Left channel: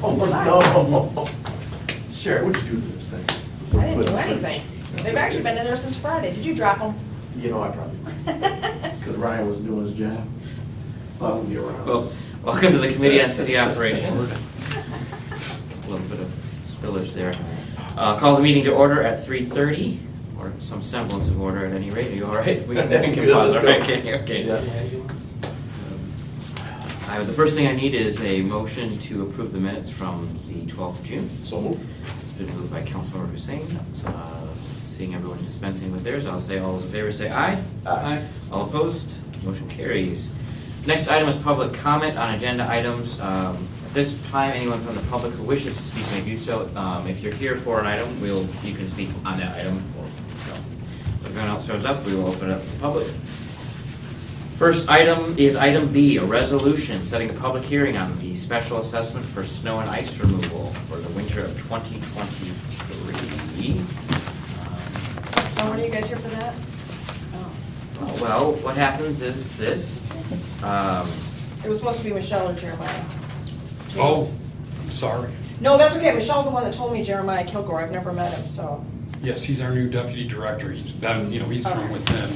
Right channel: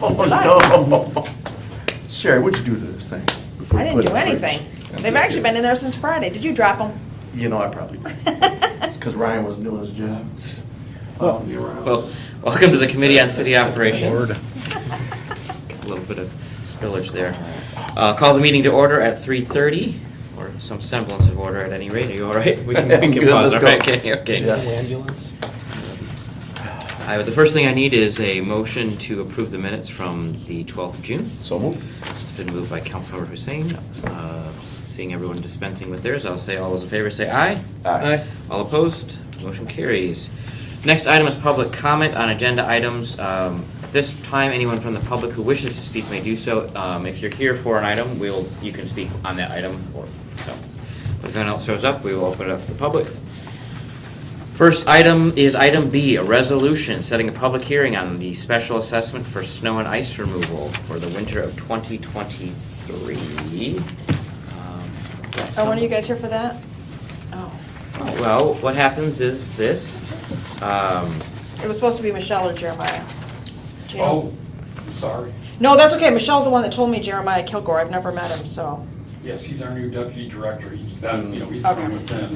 Oh, no. Sherry, what'd you do to this thing? before I you didn't put it do in the anything. fridge? They've actually been in there since Friday. Did you drop them? You know, I probably did. It's because Ryan was doing his job. You're around. Well, welcome to the Committee on City Operations. A little bit of spillage there. Call the meeting to order at 3:30, or some semblance of order at any rate. Are you all right? We can Good, pause. let's All go. right, okay. Yeah. Ambulance? The first thing I need is a motion to approve the minutes from the 12th of June. So moved. It's been moved by Councilmember Hussein. Seeing everyone dispensing with theirs, I'll say all those in favor say aye. Aye. All opposed? Motion carries. Next item is public comment on agenda items. This time, anyone from the public who wishes to speak may do so. If you're here for an item, you can speak on that item. If anyone else shows up, we will open it up to the public. First item is item B, a resolution setting a public hearing on the special assessment for snow and ice removal for the winter of 2023. Oh, one of you guys here for that? Oh. Well, what happens is this. It was supposed to be Michelle or Jeremiah. Oh, sorry. No, that's okay. Michelle's the one that told me Jeremiah Kilgore. I've never met him, so. Yes, he's our new deputy director. He's been, he's Okay. from within.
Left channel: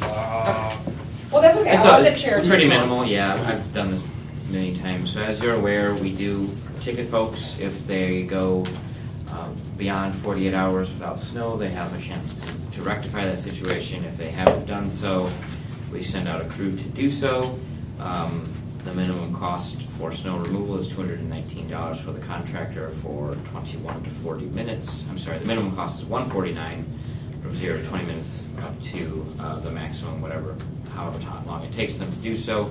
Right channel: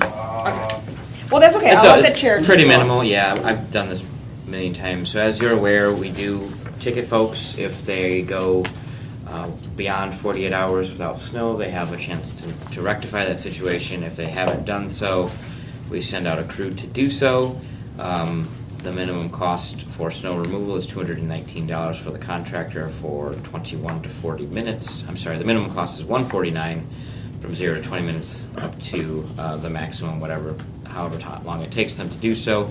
Well, that's okay. It's I'll let the chair. pretty take it. minimal, yeah. I've done this many times. So as you're aware, we do ticket folks if they go beyond 48 hours without snow. They have a chance to rectify that situation. If they haven't done so, we send out a crew to do so. The minimum cost for snow removal is $219 for the contractor for 21 to 40 minutes. I'm sorry, the minimum cost is $149 from 0 to 20 minutes up to the maximum, however long it takes them to do so.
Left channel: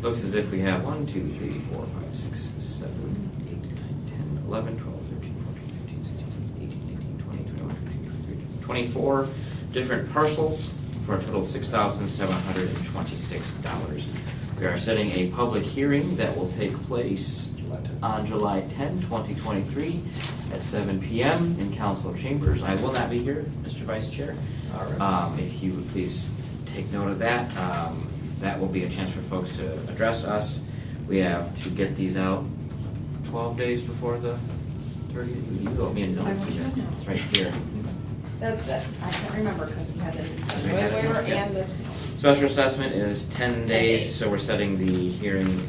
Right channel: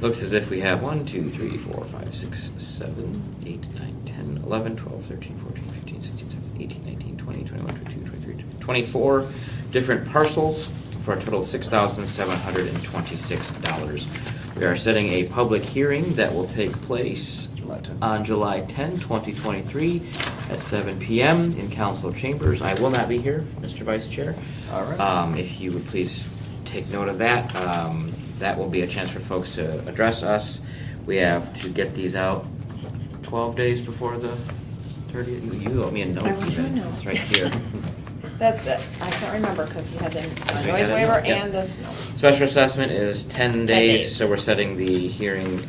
Looks as if we have 1, 2, 3, 4, 5, 6, 7, 8, 9, 10, 11, 12, 13, 14, 15, 16, 17, 18, 19, 20, 21, 22, 23, 24 different parcels for a total of $6,726. We are setting a public hearing that will take place on July 10, 2023 at 7 p.m. in council chambers. I will not be here, Mr. Vice Chair. All right. If you would please take note of that. That will be a chance for folks to address us. We have to get these out 12 days before the 30th. You owe me a note. I want your even. note. It's right here. That's it. I can't remember because we had the We noise had it, waiver yeah. and this. Special assessment is 10 days. days, so we're setting the hearing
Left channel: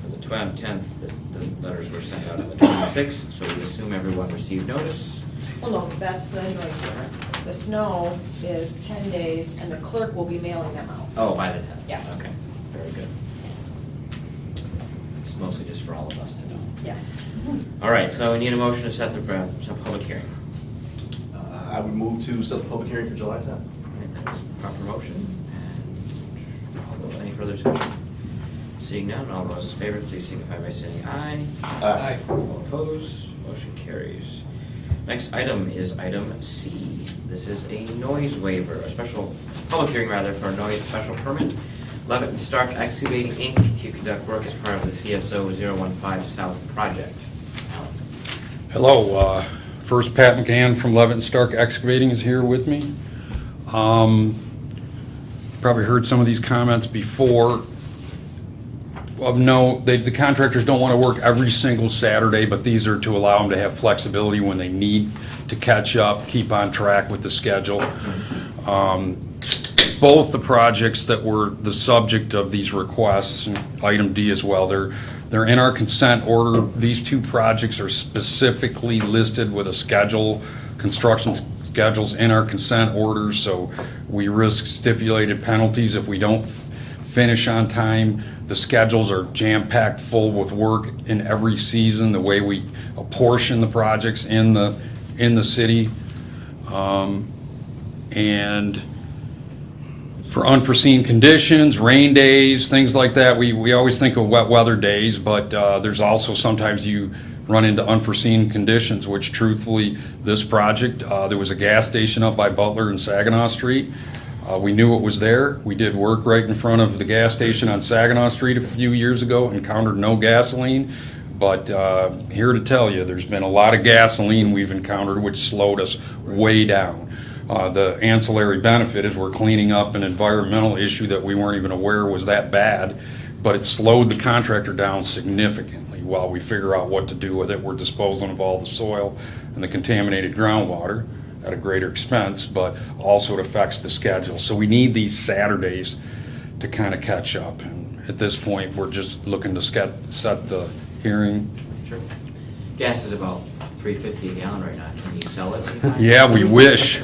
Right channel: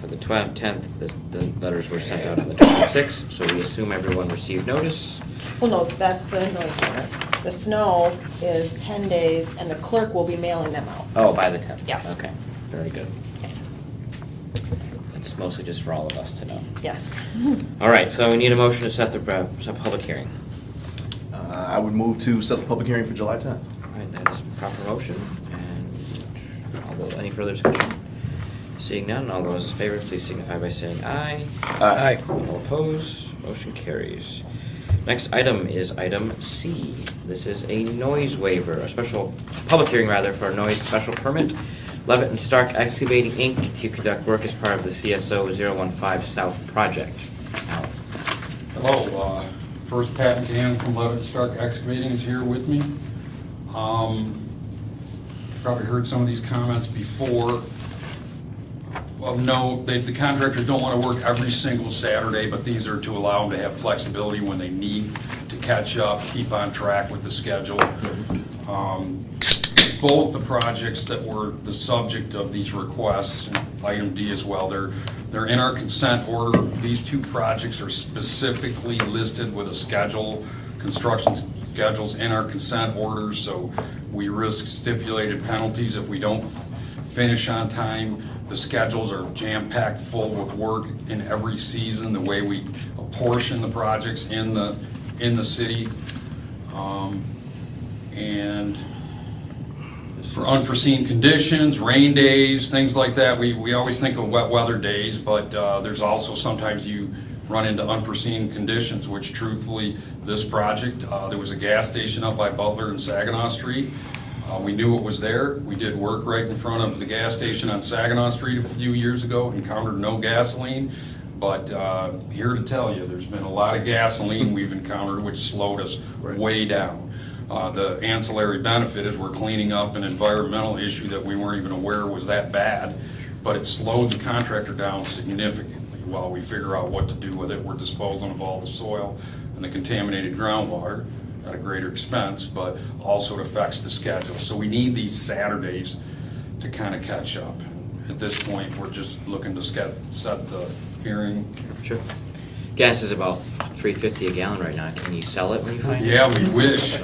for the 10th. The letters were sent out on the 26th, so we assume everyone received notice. Well, no, that's the noise waiver. The snow is 10 days and the clerk will be mailing them out. Oh, by the 10th? Yes. Okay, very good. It's mostly just for all of us to know. Yes. All right, so we need a motion to set the public hearing. I would move to set the public hearing for July 10th. All right, that is proper motion. And any further discussion? Seeing none, all those in favor, please signify by saying aye. Aye. All opposed, motion carries. Next item is item C. This is a noise waiver, a special public hearing for a noise special permit. Levitt and Stark Excavating Inc. to conduct work as part of the CSO 015 South project. Alan. Hello, first Pat McCann from Levitt and Stark Excavating is here with me. Probably heard some of these comments before. Well, no, the contractors don't want to work every single Saturday, but these are to allow them to have flexibility when they need to catch up, keep on track with the schedule. Both the projects that were the subject of these requests, item D as well, they're in our consent order. These two projects are specifically listed with a schedule, construction schedules in our consent orders, so we risk stipulated penalties if we don't finish on time. The schedules are jam-packed full with work in every season, the way we apportion the projects in the city. And for unforeseen conditions, rain days, things like that, we always think of wet weather days, but there's also sometimes you run into unforeseen conditions, which truthfully, this project, there was a gas station up by Butler and Saginaw Street. We knew it was there. We did work right in front of the gas station on Saginaw Street a few years ago, encountered no gasoline. But here to tell you, there's been a lot of gasoline we've encountered, which slowed us way down. The ancillary benefit is we're cleaning up an environmental issue that we weren't even aware was that bad, but it slowed the contractor down significantly. while we figure out what to do with it. We're disposing of all the soil and the contaminated groundwater at a greater expense, but also it affects the schedule. So we need these Saturdays to kind of catch up. And at this point, we're just looking to set the hearing. Sure. Gas is about $3.50 a gallon right now. Can you sell it when you find it? Yeah, we wish.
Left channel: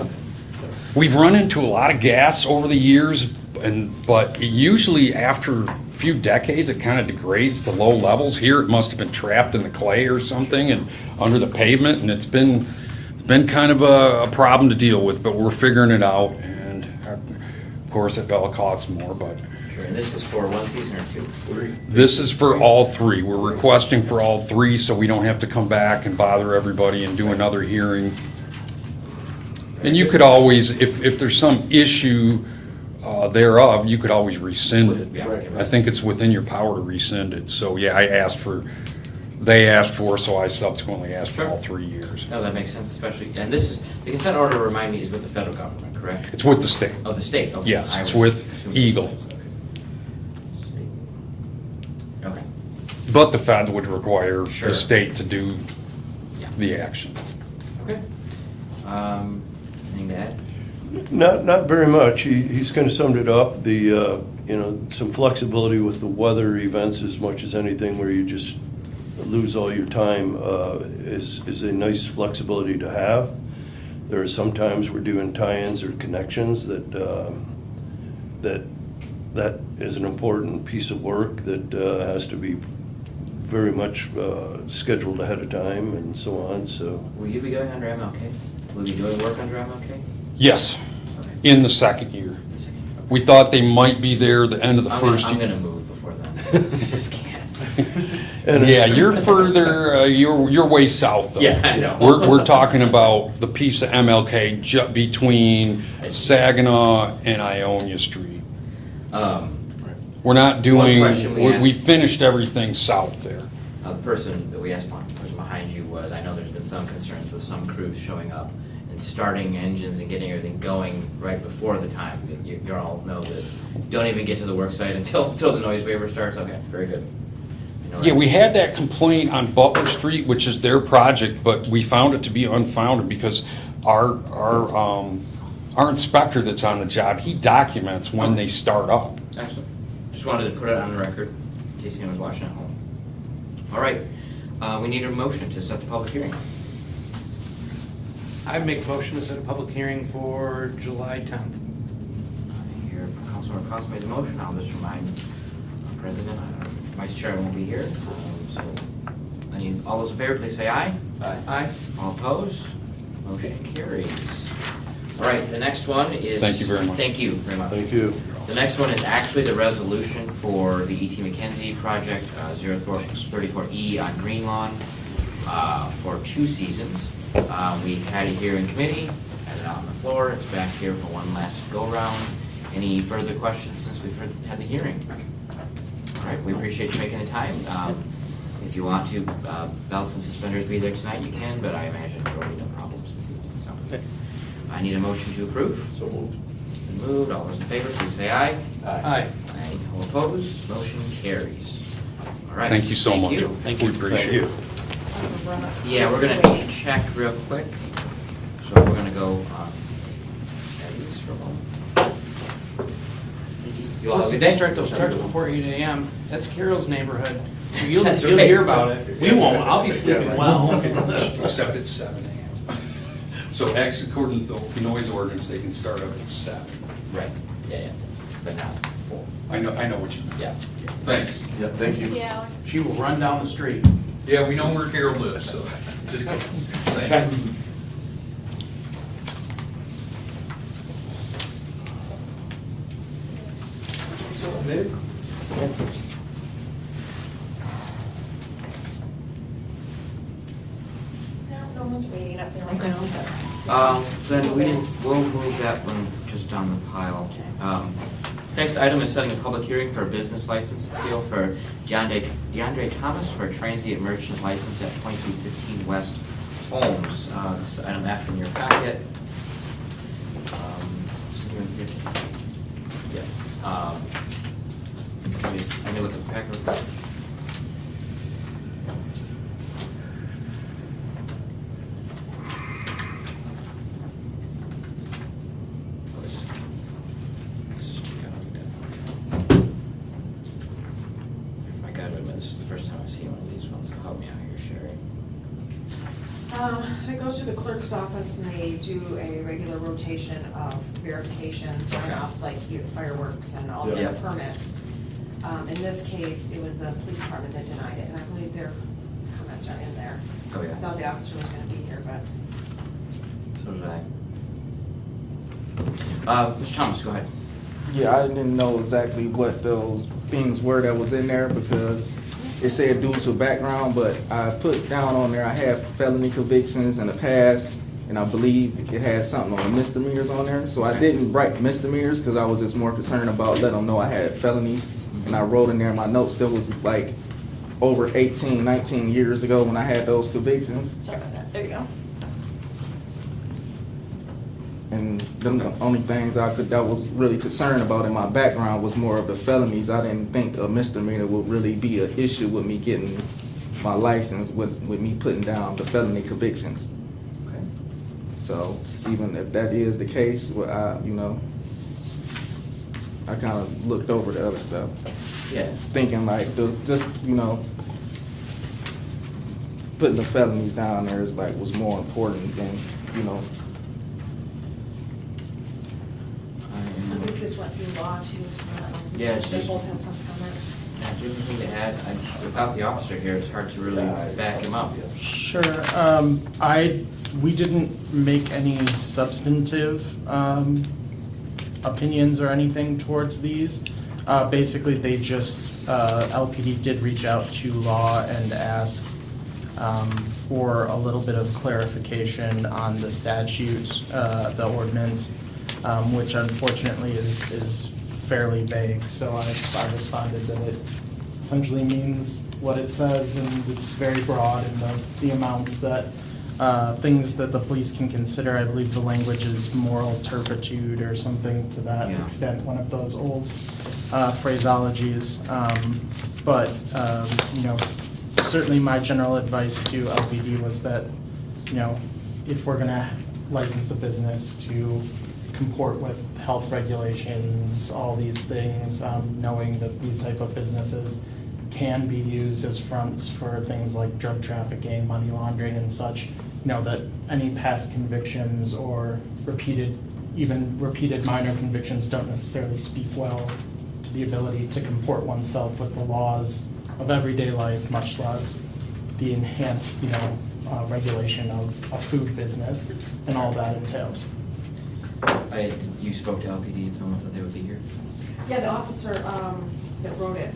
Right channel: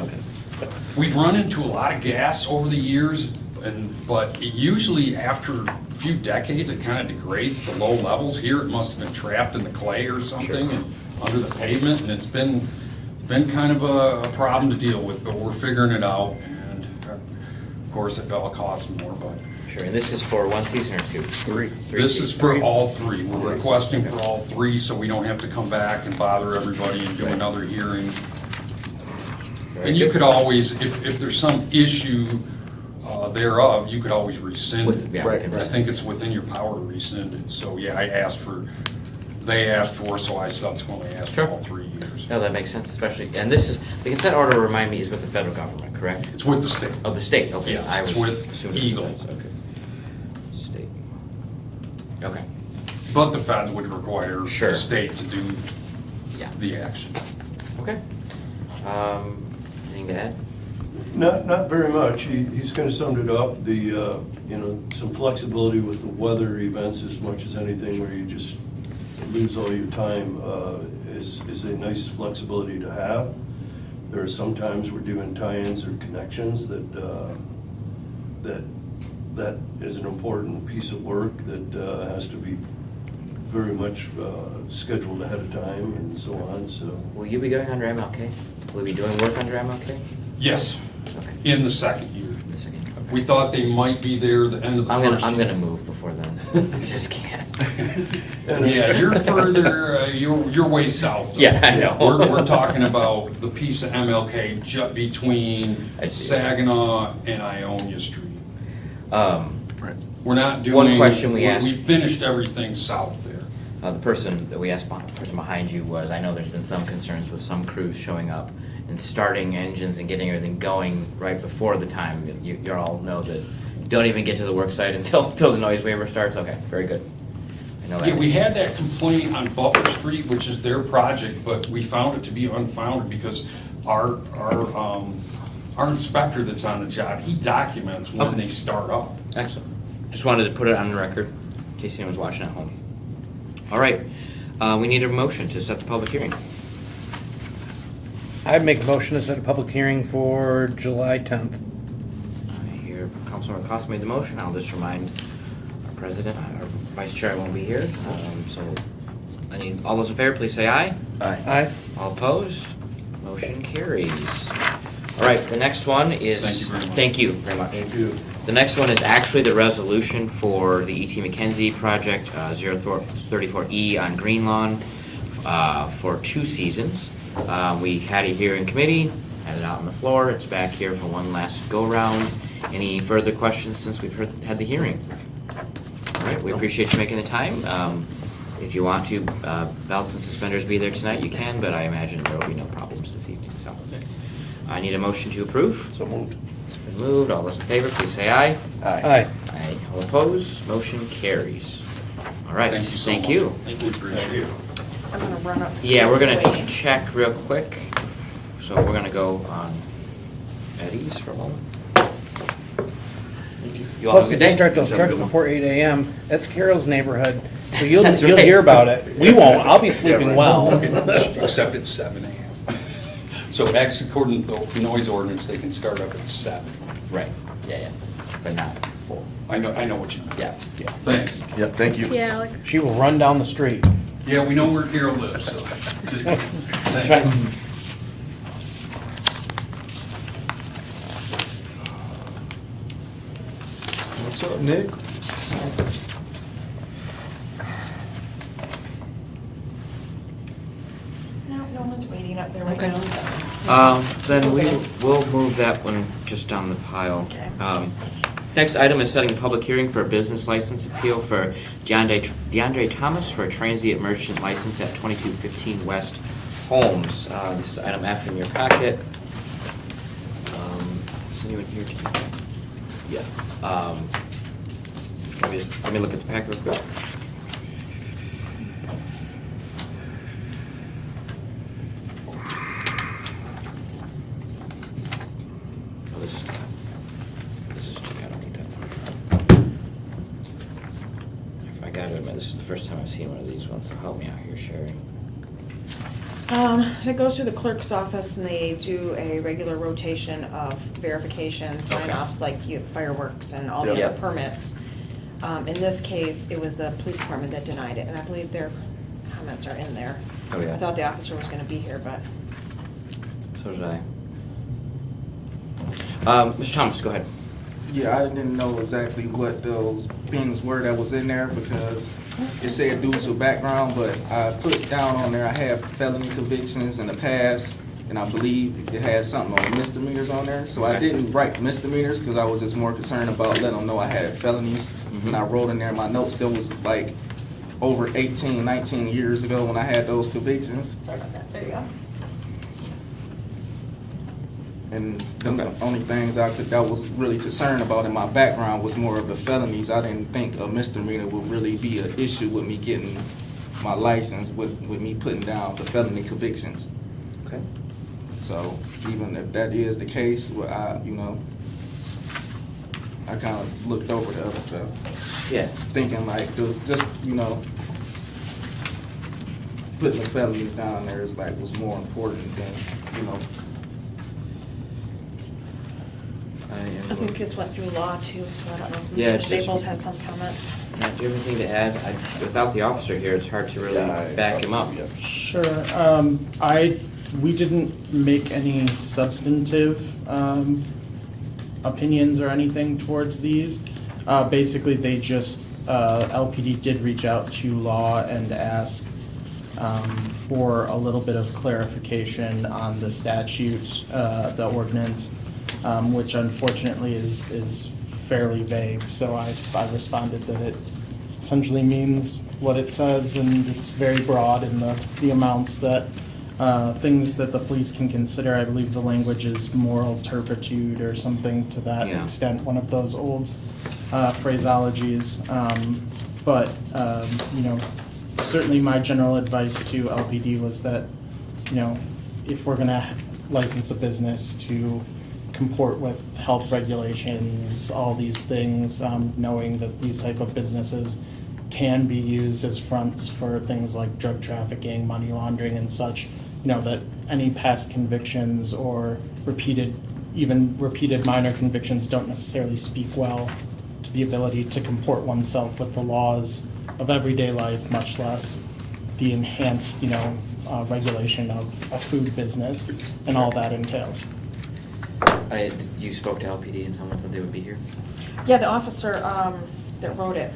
We've run into a lot of gas over the years, but usually after a few decades, it kind of degrades to low levels. Here, it must have been trapped in the clay or something and under the pavement, and it's been kind of a problem to deal with, but we're figuring it out. And of course, it all costs more, but Sure. And this is for one season or two? Three. this is for all three. We're requesting for all three, so we don't have to come back and bother everybody and do another hearing. And you could always, if there's some issue thereof, you could always rescind it. Yeah, we can I think it's within your power to rescind it. So, yeah, they asked for, so I subsequently asked for Sure. all 3 years. No, that makes sense, especially, and this is, the consent order, remind me, is with the federal government, correct? It's with the state. Oh, the state, okay. Yes, I it's was with assuming Eagle. it was- okay. State. Okay, But the Fed would require Sure. the state to do yeah, the action. okay. Anything to add? Not very much. He's kind of summed it up. Some flexibility with the weather events as much as anything where you just lose all your time is a nice flexibility to have. There are some times we're doing tie-ins or connections that is an important piece of work that has to be very much scheduled ahead of time and so on, so. Will you be going under MLK? Will you be doing work under MLK? Yes, Okay. in the second year. The second. Okay. We thought they might be there the end of the I'm first gonna year. move before then. I just can't. And Yeah, you're further, you're way south. though. Yeah, I know. We're talking about the piece of MLK between I see. Saginaw and Ionia Street. Um, We're not One doing, question we asked- we finished everything south there. The person that we asked, the person behind you was, I know there's been some concerns with some crews showing up and starting engines and getting everything going right before the time. You all know that, don't even get to the work site until the noise waiver starts. Okay, very good. I know Yeah, that. we had that complaint on Butler Street, which is their project, but we found it to be unfounded because our inspector that's on the job, he documents when they start up. Excellent. Just wanted to put it on the record in case anyone's watching at home. All right, we need a motion to set the public hearing. I'd make a motion to set a public hearing for July 10th. I hear Councilmember Cost made the motion. I'll just remind our President, our Vice Chair won't be here. All those in favor, please say aye. Aye. All opposed? Motion carries. All right, the next one is. Thank you very much. Thank you very much. Thank you. The next one is actually the resolution for the E.T. McKenzie project, 034E on Green Lawn, for 2 seasons. We had it here in committee, had it out on the floor, it's back here for one last go-round. Any further questions since we've had the hearing? All right, we appreciate you making the time. If you want to, belts and suspenders be there tonight, you can, but I imagine there will be no problems this evening, so. I need a motion to approve. So moved. It's been moved. All those in favor, please say aye. Aye. Aye. All opposed? Motion carries. All right. Thank you so much. Thank you. We appreciate it. I'm gonna run up. Yeah, we're gonna Wait. check real quick. So we're gonna go on Eddie's for a moment. You all have Plus, a if good they day. start those trucks before 8 a.m., that's Carol's neighborhood. So you'll That's you'll right. hear about it. We won't. I'll be sleeping well. Except at 7 a.m. So actually, according to the noise ordinance, they can start up at 7. Right. Yeah. But not full. I know what you mean. Yeah. Thanks. Yeah, thank you. Yeah, Alec. She will run down the street. Yeah, we know where Carol lives, so just. That's right. What's up, Nick? No one's waiting up there right now. Then we will move that one just down the pile. Okay. Next item is setting a public hearing for a business license appeal for DeAndre Thomas for a transient merchant license at 2215 West Holmes. This is item F in your packet. Is anyone here to- Yeah. Let me look at the packet real quick. gotta admit, this is the first time I've seen one of these ones, so help me out here, Sherry. It goes through the clerk's office and they do a regular rotation of verifications, Okay. sign-offs, like fireworks and all the Yeah. other permits. In this case, it was the police department that denied it, and I believe their comments are in there. Oh, yeah. I thought the officer was gonna be here, but So did I. Mr. Thomas, go ahead. Yeah, I didn't know exactly what those things were that was in there because it said due to background, but I put down on there I had felony convictions in the past, and I believe it had something on misdemeanors on there. So I didn't write misdemeanors because I was just more concerned about letting them know I had felonies. And I wrote in there in my notes that was like over 18, 19 years ago when I had those convictions. sorry about that. There you go. And the only things I was really concerned about in my background was more of the felonies. I didn't think a misdemeanor would really be an issue with me getting my license with me putting down the felony convictions. Okay. So even if that is the case, well, I kind of looked over the other stuff, Yeah. thinking like just putting the felonies down there is like was more important than I think this went through law too, so I don't know if Yeah, Mr. it's just- Staples has some comments. Matt, do you have anything to add? Without the officer here, it's hard to really back him up. Sure. We didn't make any substantive opinions or anything towards these. Basically, they just, LPD did reach out to law and ask for a little bit of clarification on the statute, the ordinance, which unfortunately is fairly vague. So I responded that it essentially means what it says, and it's very broad in the amounts that things that the police can consider. I believe the language is moral turpitude or something to that Yeah. extent, one of those old phraseologies. But certainly my general advice to LPD was that, if we're gonna license a business, to comport with health regulations, all these things, knowing that these type of businesses can be used as fronts for things like drug trafficking, money laundering and such, that any past convictions or repeated minor convictions don't necessarily speak well to the ability to comport oneself with the laws of everyday life, much less the enhanced, regulation of a food business and all that entails. You spoke to LPD and someone said they would be here? Yeah, the officer that wrote it,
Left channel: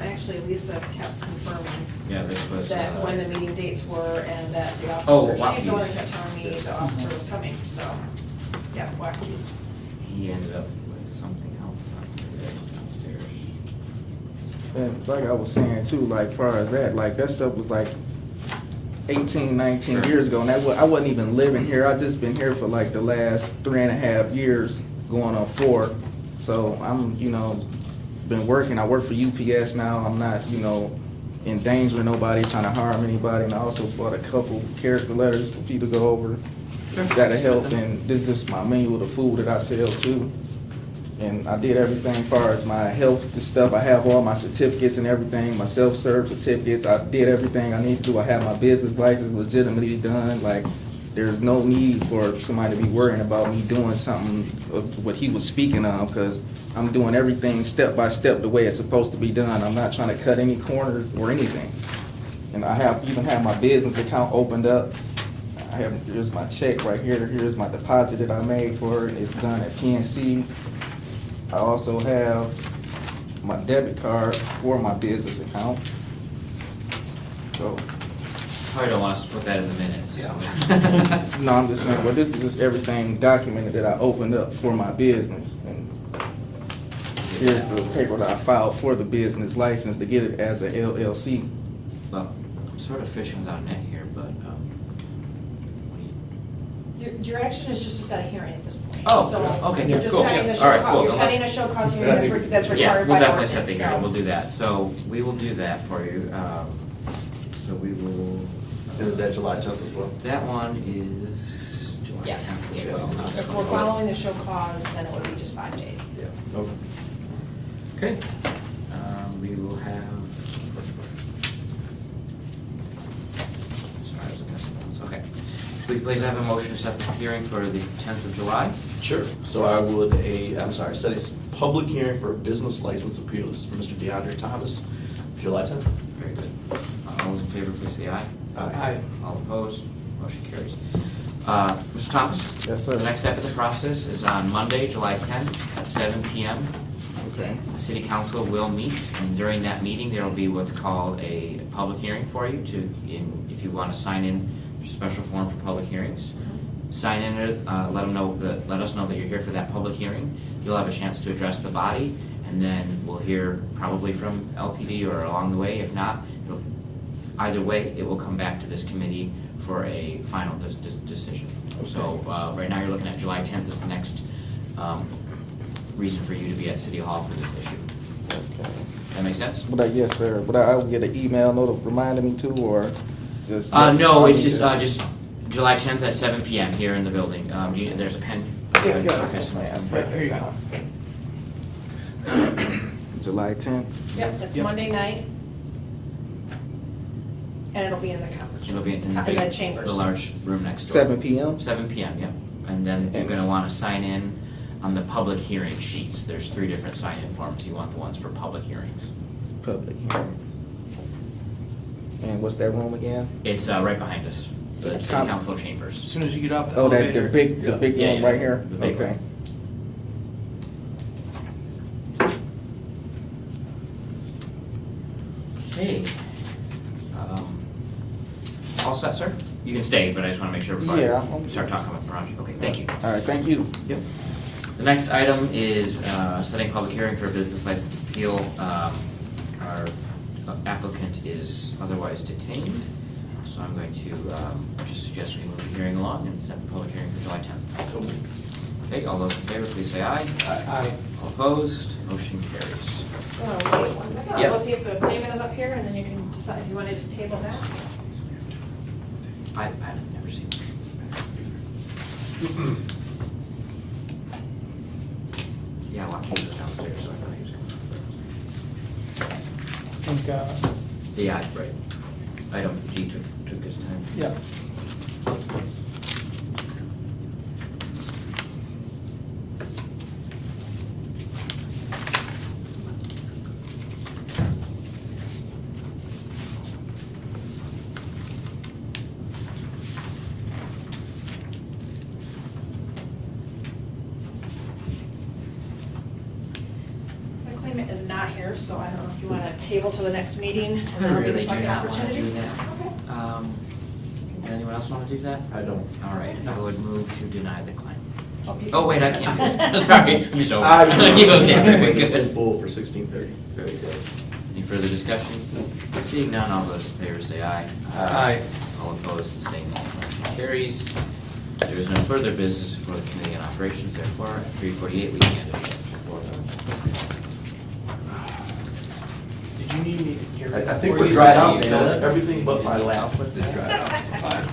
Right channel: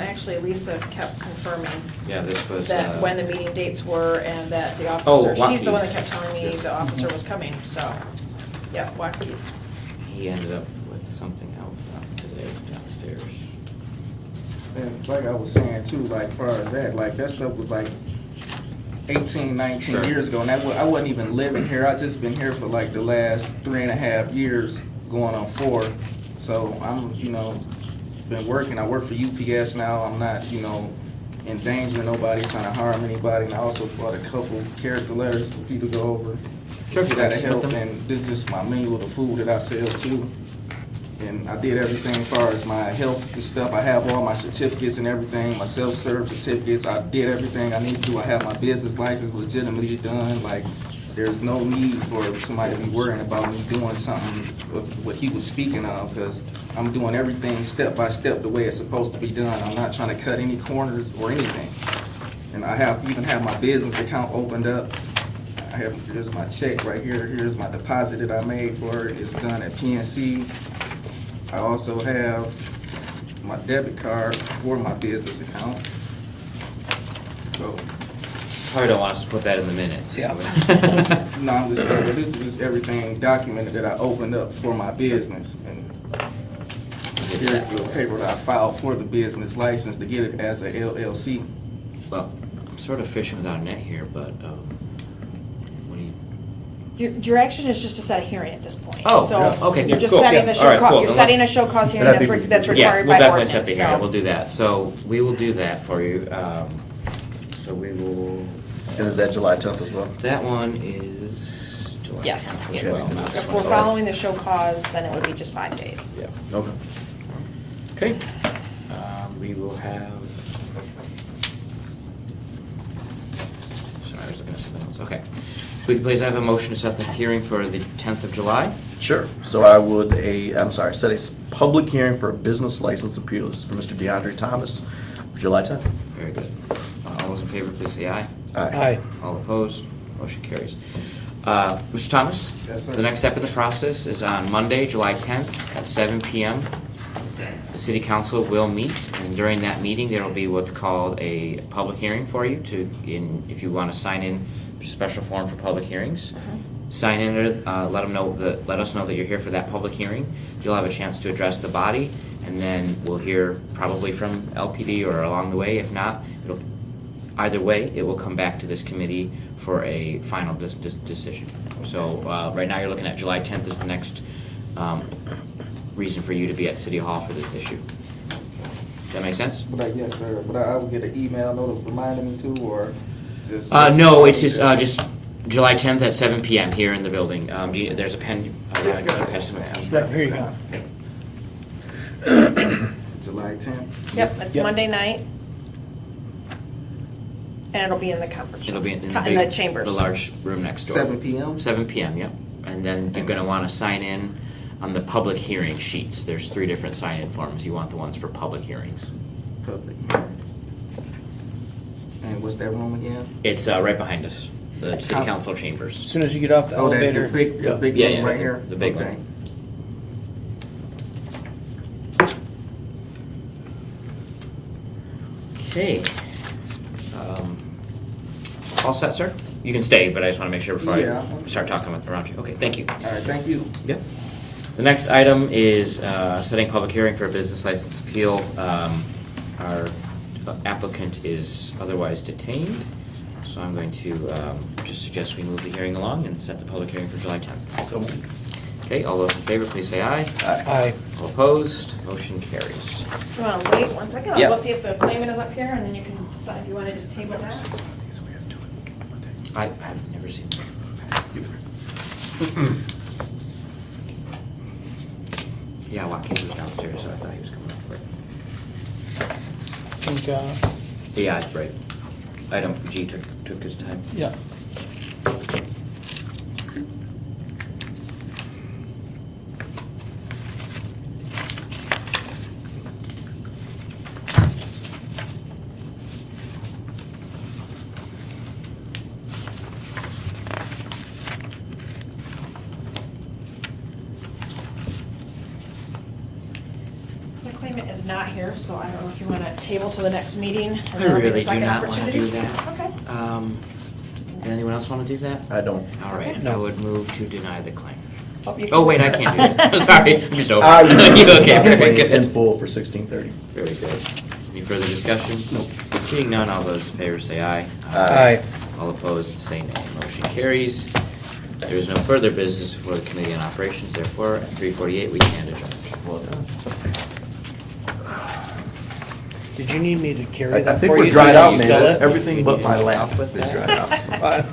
actually Lisa kept confirming Yeah, this was. that when the meeting dates were and that the Oh, officer, she's the one Waukee. that kept telling me the officer was coming, so, yeah, Waukee's. He ended up with something else today downstairs. And like I was saying too, like far as that stuff was like 18, 19 Sure. years ago, and I wasn't even living here. I just been here for like the last 3.5 years, going on 4. So I'm, been working. I work for UPS now. I'm not, endangering nobody, trying to harm anybody. And I also bought a couple character letters for people to go over. That'll help. And this is my menu of the food that I sell too. And I did everything as far as my health and stuff. I have all my certificates and everything, my self-serve certificates. I did everything I need to do. I have my business license legitimately done. Like, there's no need for somebody to be worrying about me doing something of what he was speaking of, because I'm doing everything step by step the way it's supposed to be done. I'm not trying to cut any corners or anything. And I even have my business account opened up. Here's my check right here. Here's my deposit that I made for it. It's done at PNC. I also have my debit card for my business account. So, Probably don't want us to put that in the minutes. Yeah. no, I'm just saying, this is just everything documented that I opened up for my business. And here's the paper that I filed for the business license to get it as a LLC. Well, I'm sort of fishing without a net here, but, what do you? Your action is just to set a hearing at this point. Oh, So okay, you're just cool. setting Yeah. the All right, show, cool. you're setting a show cause hearing But I that's think- that's Yeah, required we'll by definitely ordinance, set the hearing, we'll so. do that. So we will do that for you. So we will, And is that July 10th as well? that one is July. Yes, tenth. yes. If we're following the show cause, then it would be just 5 days. Yeah. Okay. Okay. We will have We can please have a motion to set the hearing for the 10th of July. Sure. So I would set a public hearing for a business license appeal. This is for Mr. DeAndre Thomas, for July 10th. Very good. All those in favor, please say aye. Aye. All opposed, motion carries. Mr. Thomas? Yes, sir. The next step of the process is on Monday, July 10th at 7 p.m. Okay. The city council will meet, and during that meeting, there will be what's called a public hearing for you if you want to sign in, there's a special form for public hearings. Sign in, let us know that you're here for that public hearing. You'll have a chance to address the body, and then we'll hear probably from LPD or along the way. If not, either way, it will come back to this committee for a final decision. So right now, you're looking at July 10th is the next reason for you to be at City Hall for this issue. Does that make sense? Yes, sir. But I will get an email note reminding me to, or just No, it's just July 10th at 7 p.m. here in the building. There's a pen. Here you go. July 10th. Yep, it's Yep. Monday night. And it'll be in the conference room. It'll be in the the chambers. the large room next door. 7 p.m. 7 p.m. Yep. And then you're going to want to sign in on the public hearing sheets. There's 3 different sign-in forms. You want the ones for public hearings. Public hearing. And what's that room again? It's right behind us, the city council chambers. As soon as you get off the Oh, that elevator. the big Yeah, room yeah, right the- here? the big Okay. one. Okay. All set, sir? You can stay, but I just want to make sure before Yeah, I I'm- start talking around you. Okay, thank you. All right, thank you. Yep. The next item is setting public hearing for a business license appeal. Our applicant is otherwise detained, so I'm going to just suggest we move the hearing along and set the public hearing for July 10th. Okay, all those in favor, please say aye. Aye. All opposed, motion carries. Come on, wait 1 second. I'll Yep. go see if the claimant is up here, and then you can decide if you want to just table that. I've never seen. Yeah, Watkins was downstairs, so I thought he was coming up. Yeah, right. Item G took his time. Yeah. The claimant is not here, so I don't know if you want to table to the next meeting. and I then I'll get a really do second not want to opportunity. do that. Okay. Anyone else want to do that? I don't. All right, Okay. I would move to deny the claim. You Oh, can- wait, I can't do that. Sorry, I'm so. I- Okay, very It's in good. full for 16:30. Very good. Any further discussion? Seeing none, all those in favor say aye. Aye. All opposed, say nay. Motion carries. There is no further business before the Committee on Operations, therefore, at 3:48, we can adjourn. Did you need me to carry I that think for we're you? dried out, Still man. it? Everything but my lap is dried out. Aye.